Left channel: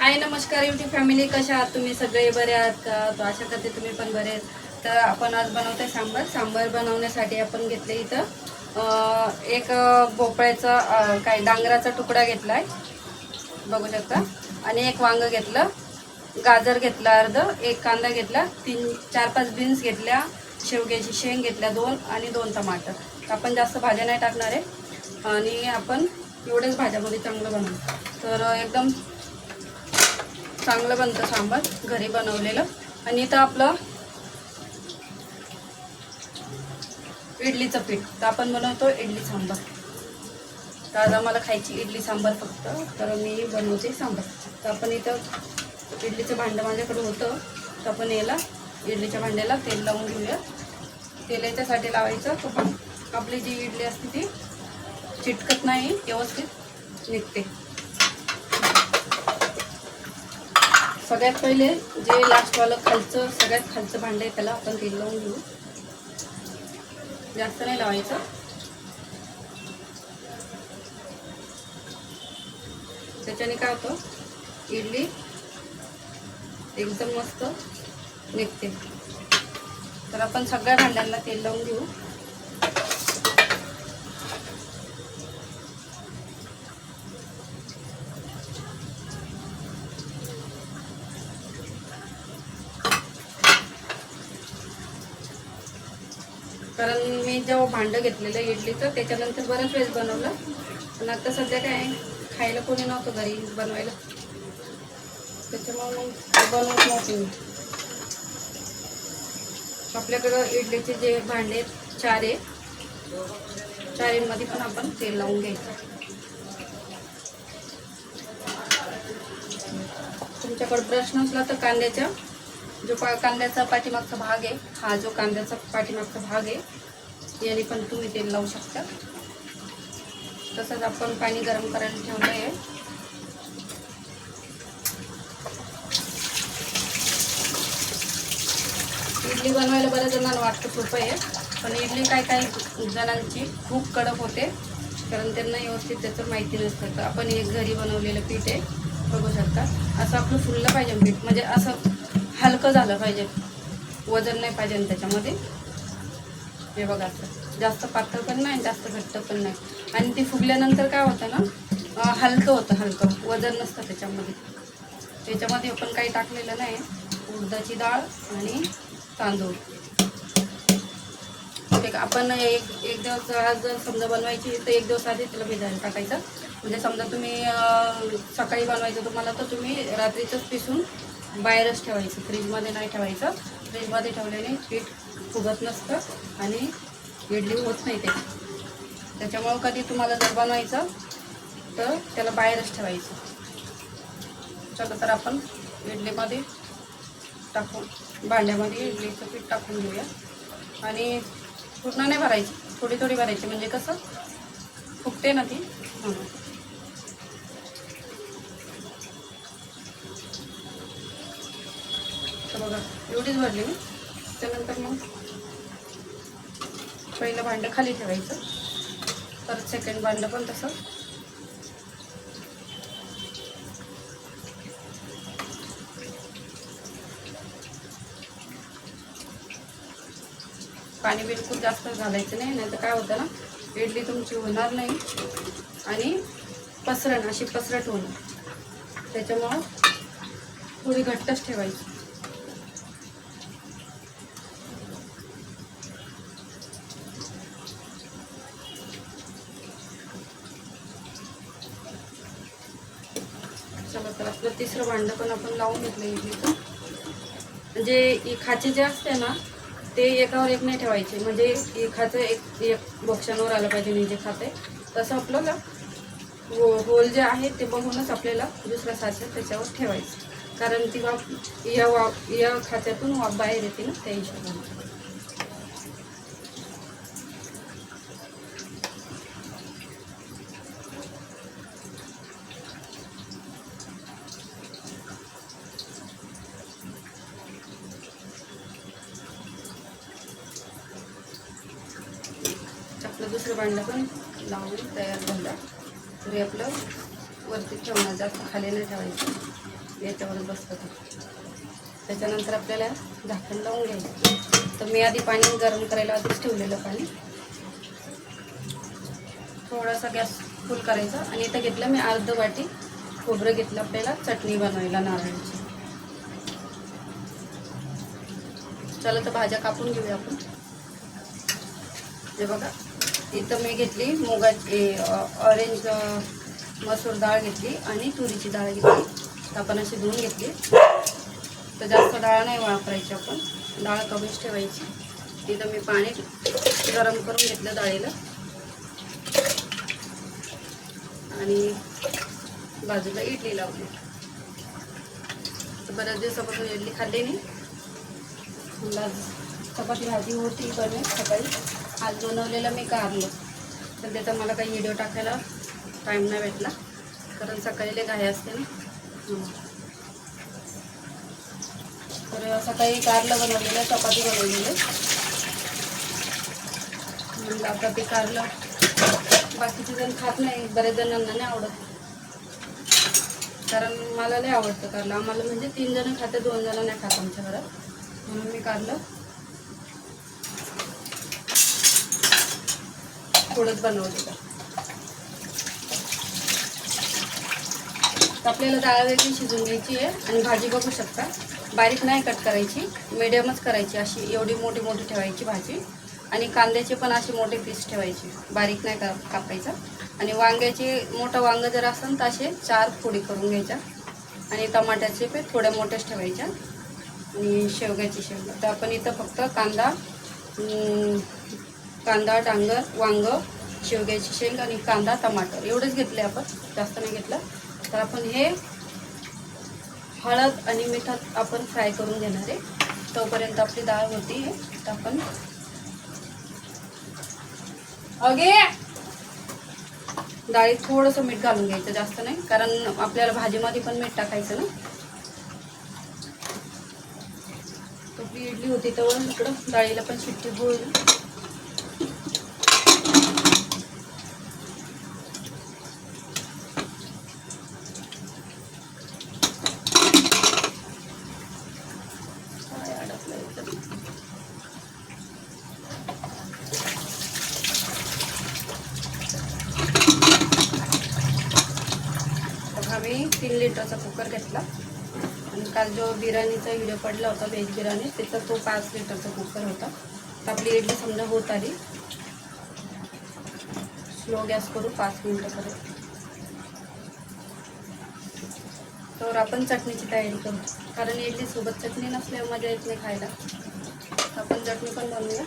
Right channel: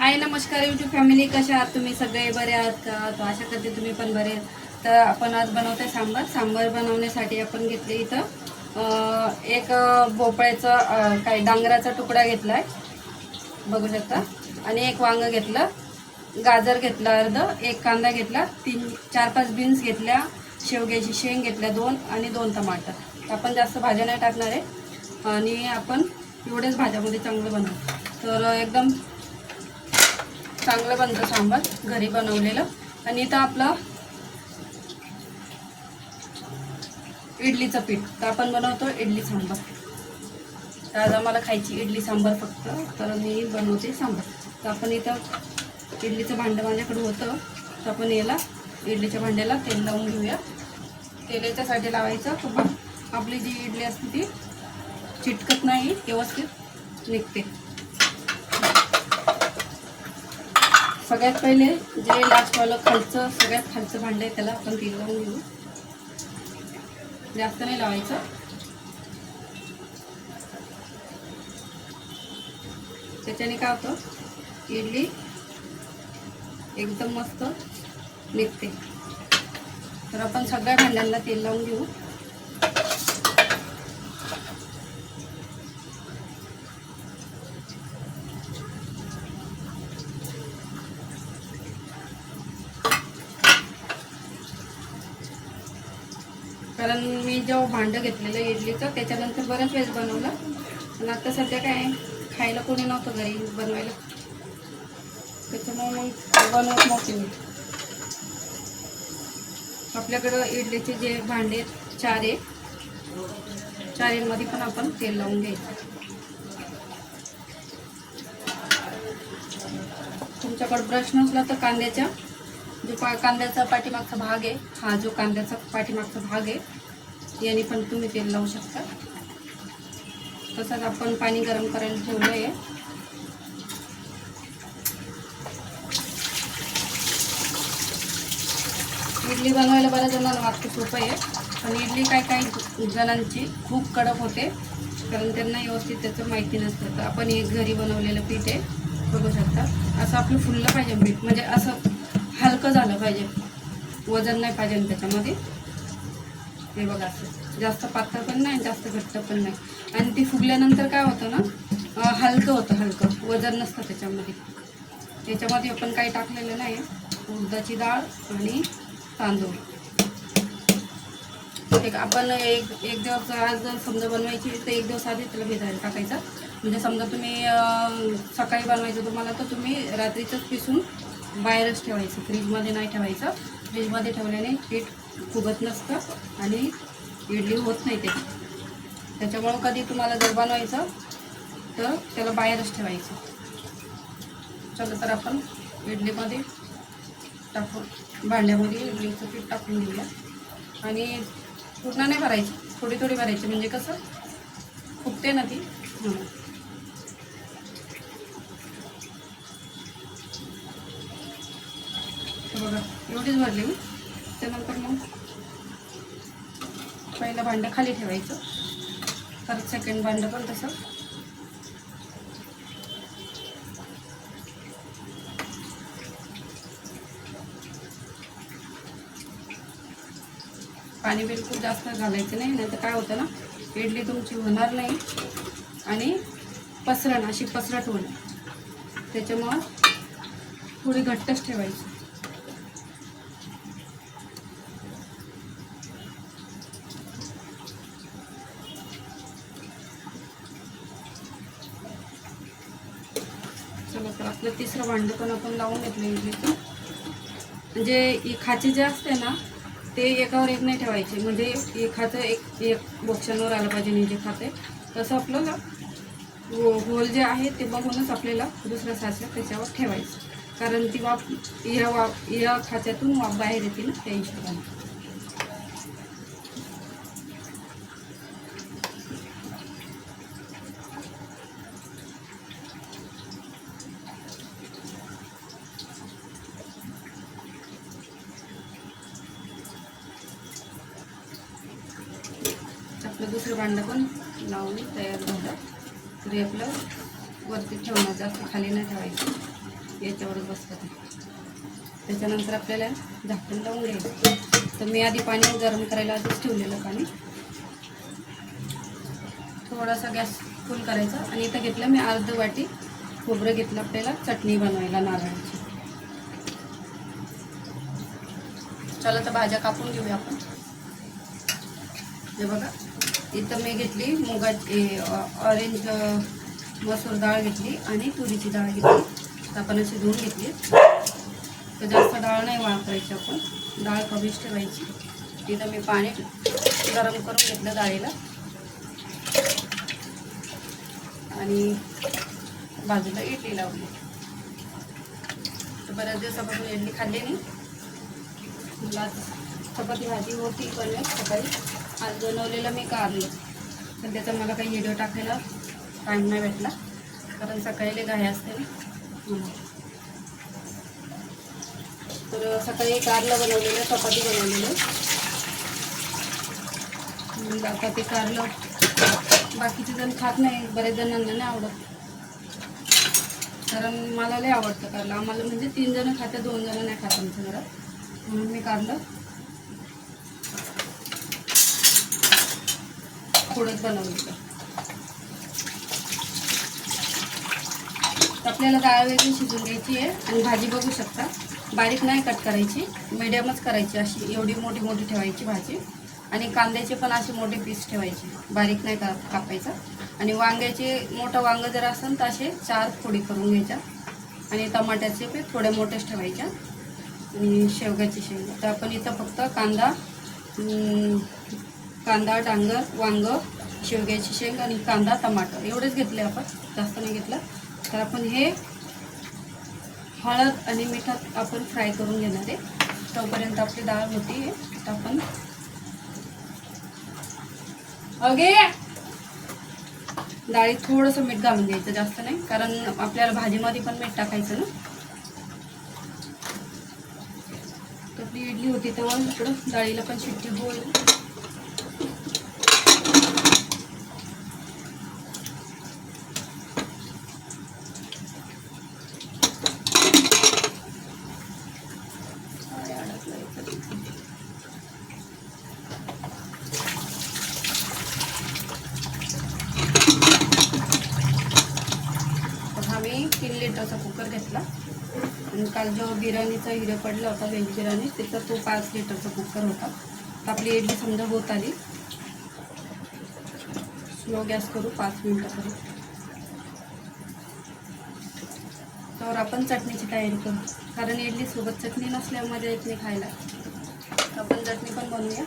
हाय नमस्कार YouTube family कशा आहात तुम्ही? सगळे बरे आहात का? तो आशा करते तुम्ही पण बरे आहात. तर आपण आज बनवतो सांबार. सांबार बनवण्यासाठी आपण घेतले इथं एक भोपळ्याचं भोपळ्याचा काय डांगराचा तुकडा घेतलाय. बघू शकता. आणि एक वांग घेतलं गाजर घेतलं अर्ध एक कांदा घेतला तीन चार पाच बीन्स घेतल्या शेवग्याची शेंग घेतल्या दोन आणि दोन टमाटर. तर आपण जास्त भाज्या नाही टाकणार आहे. आणि आपण एवढेच भाज्यामध्ये चांगलं बनवू. तर एकदम चांगलं बनतं सांबार घरी बनवलेलं. आणि इथं आपलं इडलीचं पीठ. तर आपण बनवतो इडली सांबार. तर आज आम्हाला खायची इडली सांबार फक्त तर मी बनवते सांबार. तर आपण इथं इडलीचं भांडं माझ्याकडे होतं. तर आपण याला इडलीच्या भांड्याला तेल लावून घेऊया. तेल याच्यासाठी लावायचं. तर पण आपली जी इडली असते ती चिटकत नाही व्यवस्थित निघते. सगळ्यात पहिले जे लास्टवालं खालचं सगळ्यात खालचं भांडं आहे त्याला आपण तेल लावून घेऊ. जास्त नाही लावायचं. त्याच्याने काय होतं? इडली एकदम मस्त निघते. तर आपण सगळ्या भांड्यांना तेल लावून घेऊ कारण भांडं घेतलेलं इडलीचं त्याच्यानंतर बरंच वेळेस बनवलं. पण आता सध्या काय खायला कोणी नव्हतं घरी बनवायला. त्याच्यामुळे मग बनवत नव्हते मी. आपल्याकडं इडलीचे जे भांडे आहेत, चार आहे चारेंमध्ये पण आपण तेल लावून घ्यायचं. तुमच्याकडे ब्रश नसला तर कांद्याच्या जो पा कांद्याचा पाठीमागचा भाग आहे हा जो कांद्याचा पाठीमागचा भाग आहे याने पण तुम्ही तेल लावू शकता. तसंच आपण पाणी गरम करायला ठेवलं आहे इडली बनवायला बऱ्याच जणांना वाटतं सोपं आहे पण इडली काय काही जणांची खूप कडक होते कारण त्यांना व्यवस्थित त्याचं माहिती नसतं. तर आपण एक घरी बनवलेलं पीठ आहे बघू शकता. असं आपलं फुललं पाहिजे पीठ म्हणजे असं हलकं झालं पाहिजे. वजन नाही पाहिजे त्याच्यामध्ये. हे बघा असं जास्त पातळ पण नाही जास्त घट्ट पण नाही. आणि ते फुगल्यानंतर काय होतं ना हलकं होतं हलकं. वजन नसतं त्याच्यामध्ये. त्याच्यामध्ये आपण काही टाकलेलं नाही उडदाची डाळ आणि तांदूळ. एक आपण एक एक दिवस आज जर समजा बनवायची तर एक दिवस आधी त्याला भिजायला टाकायचं. म्हणजे समजा तुम्ही सकाळी बनवायचं तुम्हाला तर तुम्ही रात्रीचंच पिसून बाहेरच ठेवायचं. फ्रीजमध्ये नाही ठेवायचं. फ्रीजमध्ये ठेवल्याने पीठ फुगत नसतं आणि इडली होत नाही ते. त्याच्यामुळं कधी तुम्हाला जर बनवायचं तर त्याला बाहेरच ठेवायचं. चला तर आपण इडलीमध्ये टाकून भांड्यामध्ये इडलीचं पीठ टाकून घेऊया. आणि पूर्ण नाही भरायची थोडी थोडी भरायची. म्हणजे कसं फुगते ना ती. म्हणून बघा एवढीच भरली मी. त्यानंतर मग पहिलं भांडं खाली ठेवायचं. परत सेकंड भांडं पण तसं. पाणी बिलकुल जास्त घालायचं नाही नाही तर काय होतं ना इडली तुमची होणार नाही आणि पसरण अशी पसरट होणार. त्याच्यामुळं थोडी घट्टच ठेवायची. चला तर आपलं तिसरं भांडं पण आपण लावून घेतलं इडलीचं. म्हणजे ही खाचे जे असते ना ते एकावर एक नाही ठेवायचे. म्हणजे खाचं एक एक बक्षांवर आलं पाहिजे नाही जे खाते. तसं आपल्याला हो होल जे आहे ते बघूनच आपल्याला दुसरं साचं त्याच्यावर ठेवायचं. कारण ती वाफ या वा या खात्यातून वाफ बाहेर येते ना त्या हिशोबाने आपलं दुसरं भांडं पण लावून तयार झालं. तरी आपलं वरती ठेवणार जास्त खाली नाही ठेवायचं. याच्यावरच बसतं ते. त्याच्यानंतर आपल्याला झाकण लावून घ्यायचं. तर मी आधी पाणी गरम करायला आधीच ठेवलेलं पाणी. थोडासा गॅस फुल करायचा आणि इथं घेतलं मी अर्ध वाटी खोबरं घेतलं आपल्याला चटणी बनवायला नारळाची. चला तर भाज्या कापून घेऊया आपण. हे बघा. इथं मी घेतली मुगाची ऑरेंज मसूर डाळ घेतली आणि तुरीची डाळ घेतली. आपण अशी धुवून घेतली. तर जास्त डाळ नाही वापरायची आपण. डाळ कमीच ठेवायची. तिथं मी पाणी गरम करून घेतलं डाळीला. आणि बाजूला इडली लावली. तर बऱ्याच दिवसापासून इडली खाल्ली नाही. मला चपाती भाजी होती पण सकाळी. आज बनवलेलं मी कारलं पण त्याचा मला काही व्हिडिओ टाकायला टाईम नाही भेटला. कारण सकाळी लय घाई असते ना. तर सकाळी कारलं बनवलेलं चपाती बनवलेलं. म्हणलं आता ते कारलं बाकीचे जण खात नाही बरेच जणांना नाही आवडत. कारण मला लय आवडतं कारलं. आम्हाला म्हणजे तीन जण खाते दोन जण नाही खात आमच्या घरात. म्हणून मी कारलं. थोडंच बनवलेलं तर आपल्याला डाळ वेगळी शिजून घ्यायची आहे आणि भाजी बघू शकता. बारीक नाही कट करायची मिडियमच करायची अशी एवढी मोठी मोठी ठेवायची भाजी. आणि कांद्याचे पण असे मोठे पीस ठेवायचे बारीक नाही का कापायचा. आणि वांग्याचे मोठं वांगं जर असेल तर असे चार फोडी करून घ्यायच्या. आणि टमाट्याचे पण थोड्या मोठ्याच ठेवायच्या. आणि शेवग्याची शेवगा तर आपण इथं फक्त कांदा कांदा डांगर वांग शेवग्याची शेंग आणि कांदा टमाटर. एवढंच घेतले आपण. जास्त नाही घेतलं. तर आपण हे हळद आणि मिठात आपण फ्राय करून घेणार आहे. तोपर्यंत आपली डाळ होती हे. तर आपण अगे! डाळीत थोडंसं मीठ घालून घ्यायचं जास्त नाही. कारण आपल्याला भाजीमध्ये पण मीठ टाकायचं ना. आपली इडली होती तेव्हा इकडं डाळीला पण शिट्टी होईल काय अडकलं याच्यात? तर हा मी तीन लिटरचा कुकर घेतला आणि काल जो बिर्याणीचा व्हिडिओ पडला होता व्हेज बिर्याणी त्याचा तो पाच लिटरचा कुकर होता. तर आपली इडली समजा होत आली. स्लो गॅस करू पाच मिनटं करू. तर आपण चटणीची तयारी करू. कारण इडली सोबत चटणी नसल्या मजा येत नाही खायला. तर आपण चटणी पण बनवूया.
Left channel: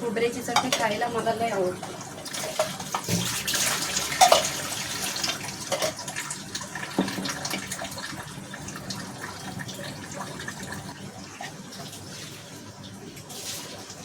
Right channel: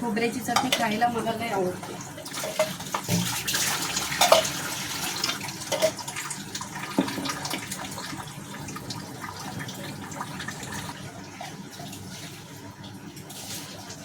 खोबऱ्याची चटणी खायला मला लय आवडते.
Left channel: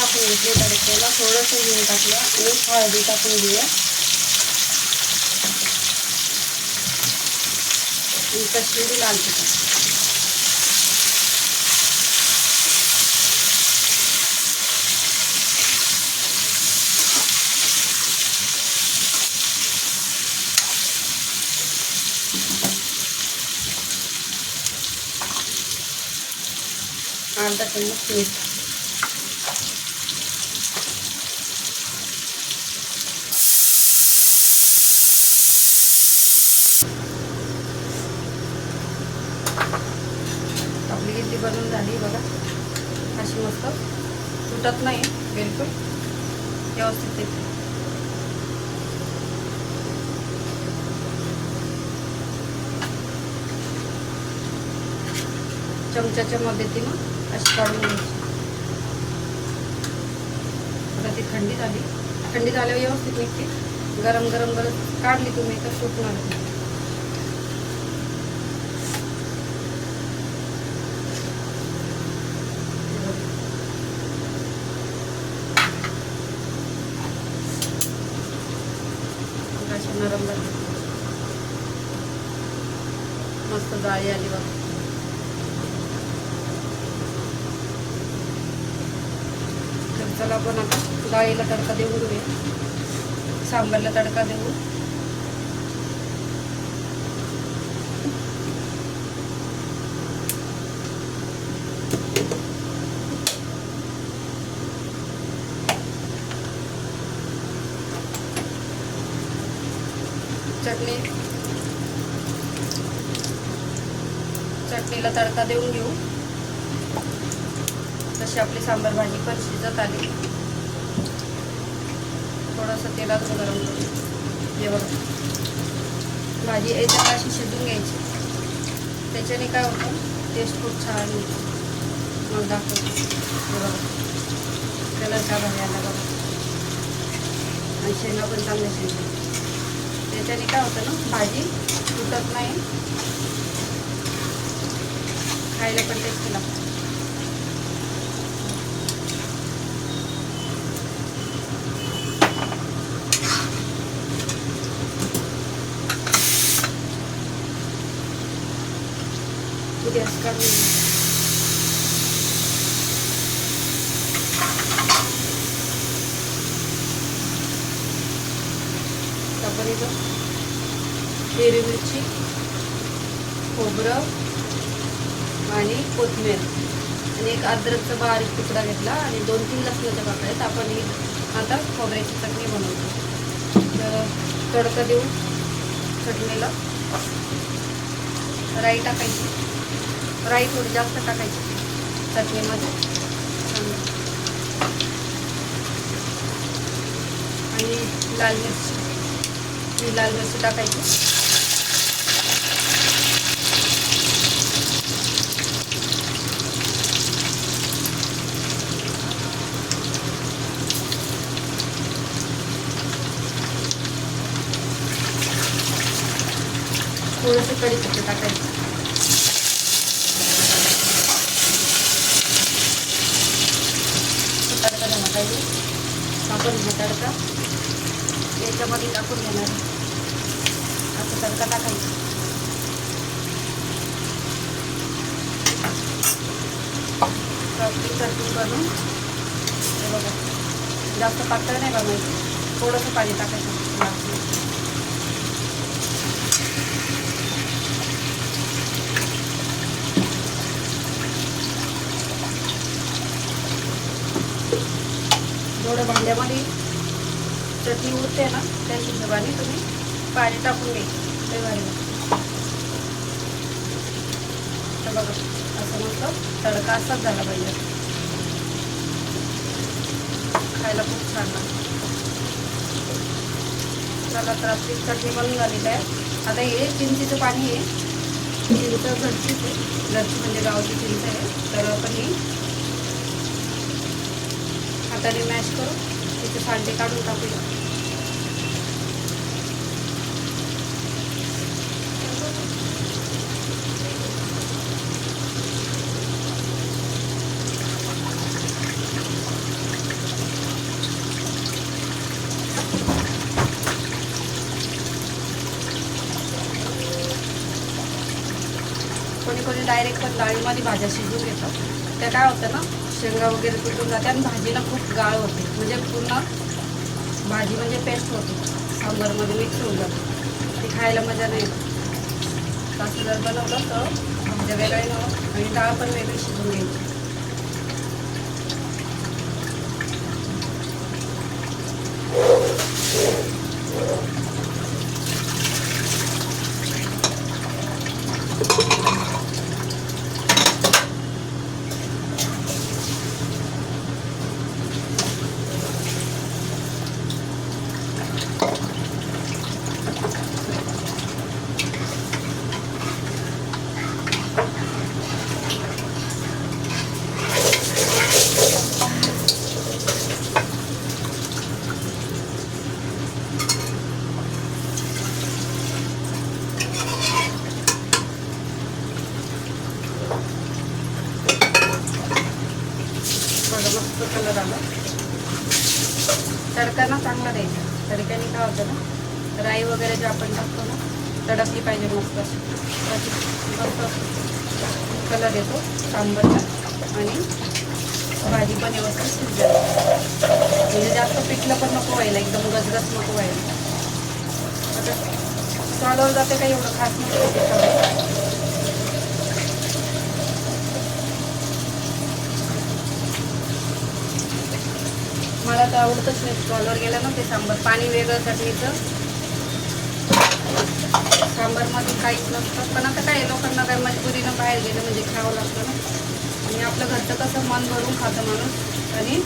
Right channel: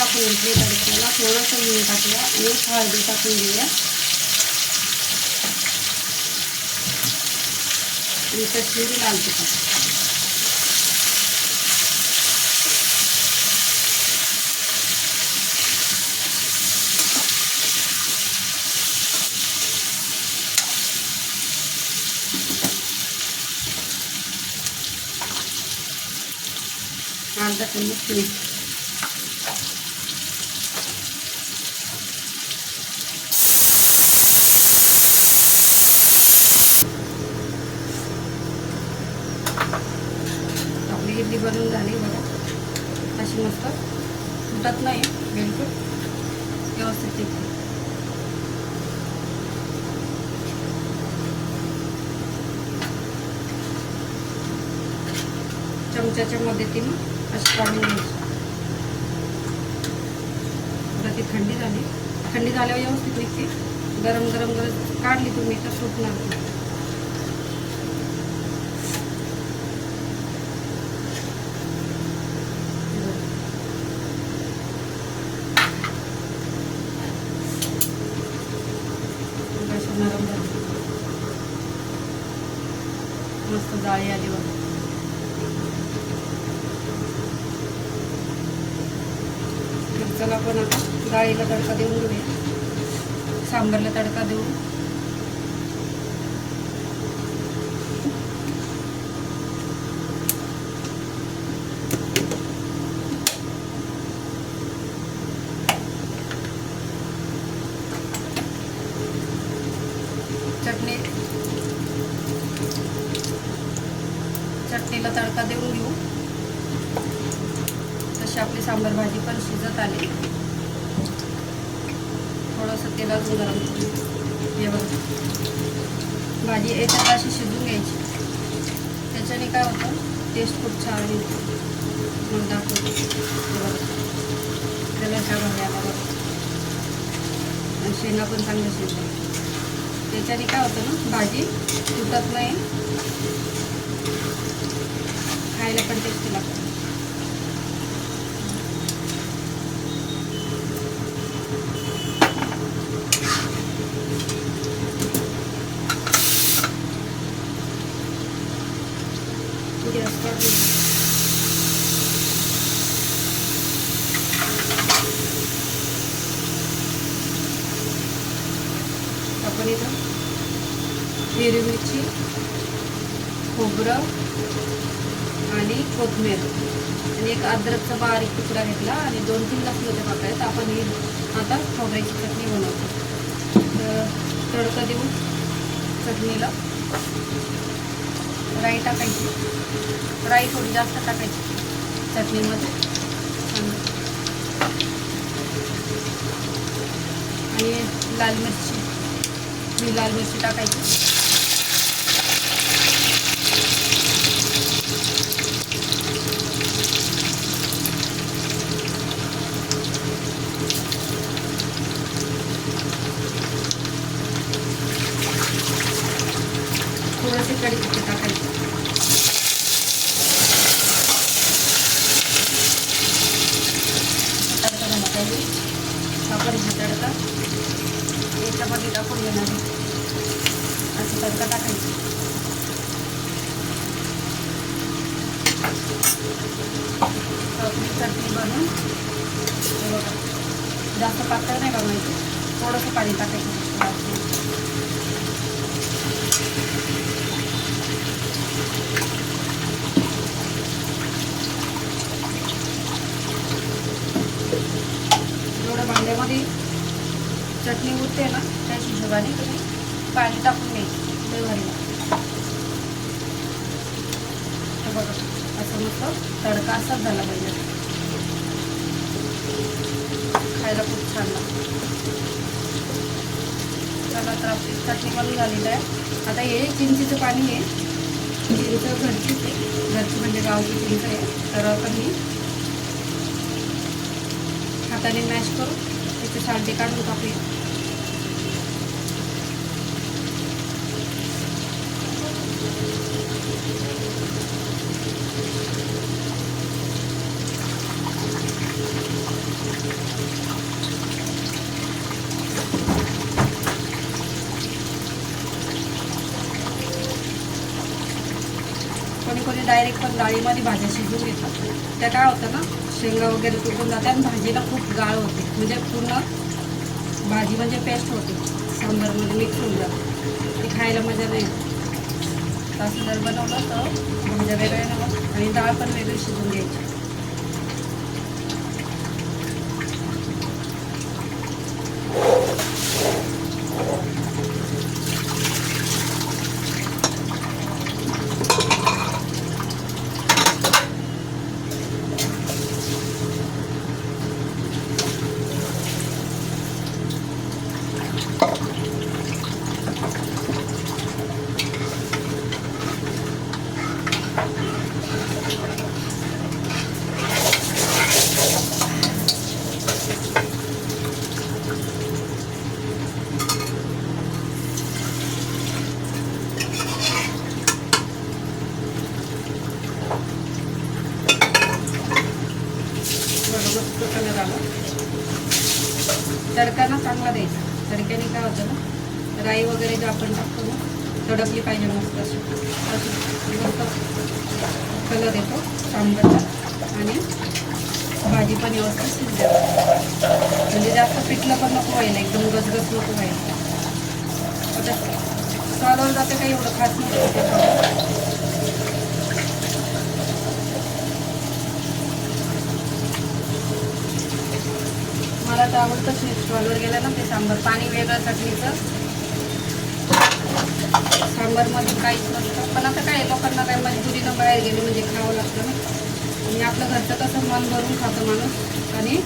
राई टाकून घेतली तडक्याला थोडंसं घेऊन टाकलं आणि हळदी टाकून घेऊया. आणि कश्मीरी लाल तिखट अर्धा चम्मच मीठ बनवून झाली बघा अशी मस्त तुटत नाही बिलकुल व्यवस्थित येते चमच्याच्या मदतीनं अशी काढून घ्यायची. आता ती थंडी झाली. थंडी झाल्यावर व्यवस्थित निघते गरम गरम गरम काढली तुम्ही तर सुटणार नाही. हे बघा. मग अशी नरम झाली मस्त जाळी आली बघा तर चला आपण आता डाळीला तडका देऊन दे सांबारला तडका देऊ. चटणी. चटणीला तडका देऊन घेऊ. तशी आपली सांबार भाजी पण शिजत आली. असं तेलात गरम करू हे बघा. भाजी याच्यात अशी शिजून घ्यायची. त्याच्याने काय होतं टेस्ट खूप छान येते. मग दाखवते. हे बघा. त्याला का भारी बघा. आणि शेंगा पण चांगल्या शिजल्या. त्याच्याने काय होतं ना भाजी तुटत नाही. खायला पण टेस्टी लागतं गॅस काढून जिरं हिरवी मिरची खोबरं आणि कोथिंबीर आणि एक अद्रकचा बारीक तुकडा घेतला आणि दोन तीन लसणाच्या पाकळ्या आहेत. आपण ही आता खोबऱ्याची चटणी बनवतो. तर तडका देऊन चटणीला राई टाकायची. राई थोडी जास्त टाकायची चटणीमध्ये. आणि लाल मिरची. ही लाल मिरची टाकायची थोडेसे कढीपत्ते टाकायचे तडका झाला पाहिजे आपण हा तडका याच्यामध्ये टाकून देणार आहे असं तडका टाकायचा आपली चटणी बनवून. हे बघा. जास्त पातळ नाही बनवायची. थोडंसं पाणी टाकायचं. थोडं जेवढं भांड्यामध्ये चटणी उरते ना त्या हिशोबाने तुम्ही पाणी टाकून घ्यायची लय भारी लागते. तर बघा असं म्हटलं तडका असाच झाला पाहिजे. खायला खूप छान लागतं. चला तर आपली चटणी बनून झालेली आहे. आता हे चिंचेचं पाणी आहे. चिंच घरचीच आहे. घरची म्हणजे गावची चिंच आहे. तर आपण ही हाताने मॅश करू त्याचे सालटे काढून टाकूया कोणी कोणी डायरेक्ट पण डाळीमध्ये भाज्या शिजून घेतात. त्या काय होतं ना शेंगा वगैरे तुटून जाते आणि भाजीला खूप गाळ होते. म्हणजे पूर्ण भाजी म्हणजे पेस्ट होते. सांबारमध्ये मिक्स होऊन जाते. ती खायला मजा नाही तसं जर बनवलं तर भाज्या वेगळ्या आणि डाळ पण वेगळी शिजून घ्यायची बघा मस्त कलर आला तडका ना चांगला द्यायचा तडक्याने काय होतं ना राई वगैरे जे आपण टाकतो ना तडकली पाहिजे मस्त अशी अशी मस्त कलर येतो सांबरला आणि भाजी पण व्यवस्थित शिजते. म्हणजे जास्त पिठलं पण नको व्हायला एकदम गजगज नको व्हायला. आता चालवलं जाते काही एवढं खास नाही मला तर आवडतंच नाही. स्टॉलवर गेलं ना ते सांबर. पाणी वेगळं चटणीचं सांबारमध्ये काहीच नसतं. पण आता काय लोकांना काय मजबुरीनं बाहेर गेलं म्हणजे खावं लागतं ना. आणि आपलं घरचं कसं मन भरून खातं माणूस. आणि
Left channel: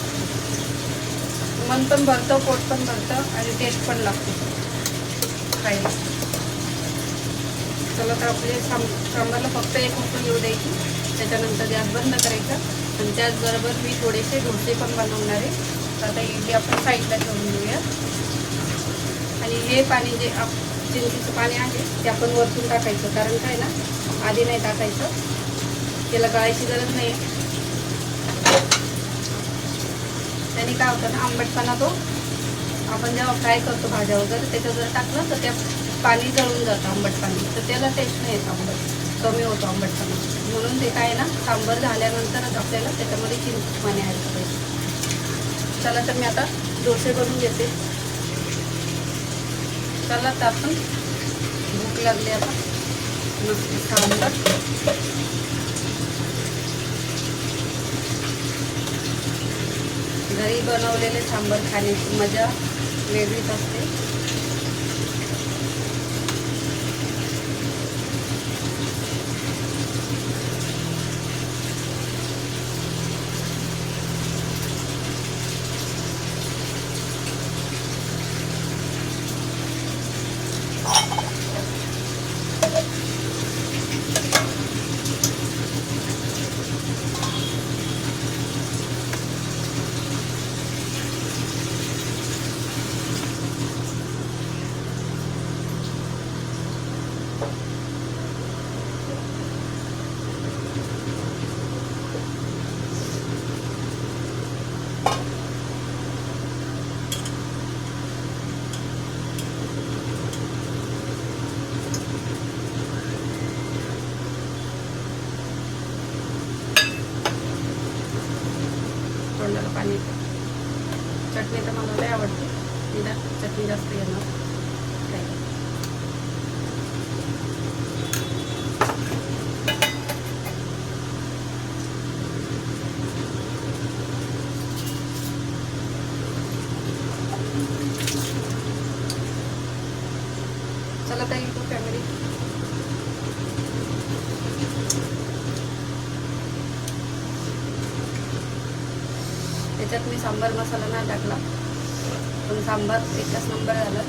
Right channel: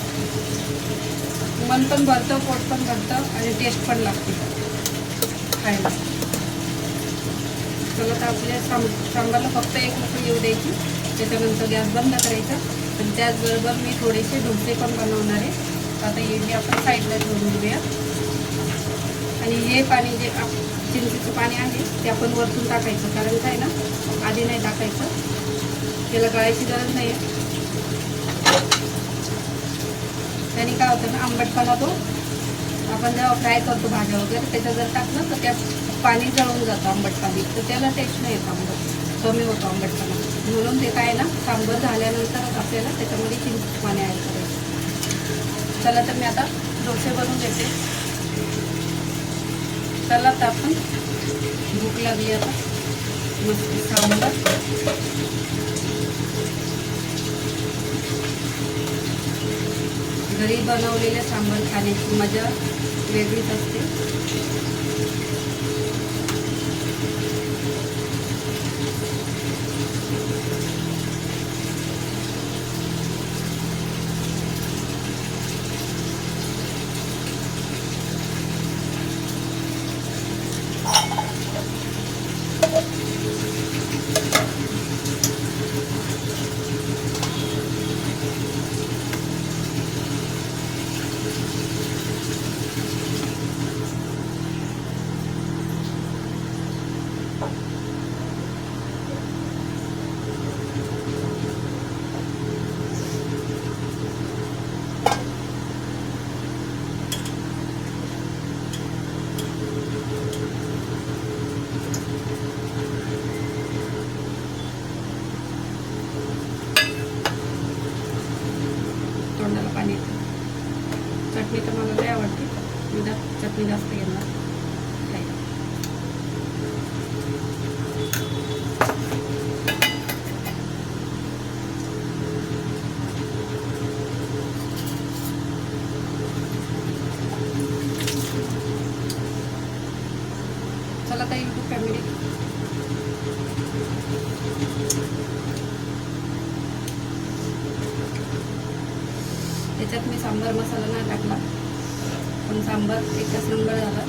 मन पण भरतं पोट पण भरतं आणि टेस्ट पण लागते खायला. चला तर आपल्या सांब सांबारला फक्त एक उकळी येऊ द्यायची. त्याच्यानंतर गॅस बंद करायचा. आणि त्याचबरोबर मी थोडेसे डोसे पण बनवणार आहे. तर आता इडली आपण साईडला ठेवून घेऊया आणि हे पाणी जे आप चिंचेचं पाणी आहे ते आपण वरतून टाकायचं. कारण काय ना आधी नाही टाकायचं. त्याला गळायची गरज नाही त्याने काय होतं ना आंबटपणा तो आपण जेव्हा फ्राय करतो भाज्या वगैरे त्याच्यात जर टाकलं तर त्यात पाणी जळून जातं आंबट पाणी तर त्याला टेस्ट नाही येत आंबट. कमी होतो आंबटपणा. म्हणून ते काय ना सांबर झाल्यानंतरच आपल्याला त्याच्यामध्ये चिंच पाणी ॲड करायचं. चला तर मी आता डोसे बनवून घेते. चला तर आपण भूक लागली आता. नुसती सांबार. घरी बनवलेले सांबार खाण्याची मजा वेगळीच असते तोंडाला पाणी येतं चटणी तर मला लय आवडते मी जास्त चटणी जास्त घेणार खायला चला ताई तू फॅमिली त्याच्यात मी सांबार मसाला नाही टाकला पण सांबार एकच नंबर झाला.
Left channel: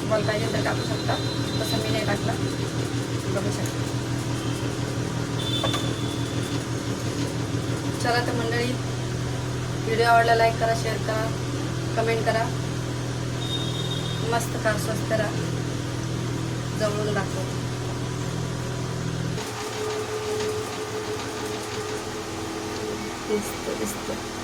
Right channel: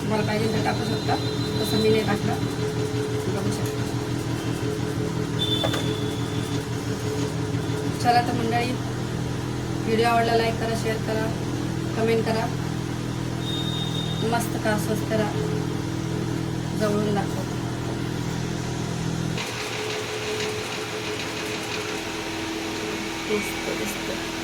तुम्हाला पाहिजे तर टाकू शकता. तसं मी नाही टाकला बघू शकता. चला तर मंडळी व्हिडिओ आवडला लाईक करा शेअर करा कमेंट करा. मस्त का स्वस्त करा जवळून दाखवा. दिसतं दिसतं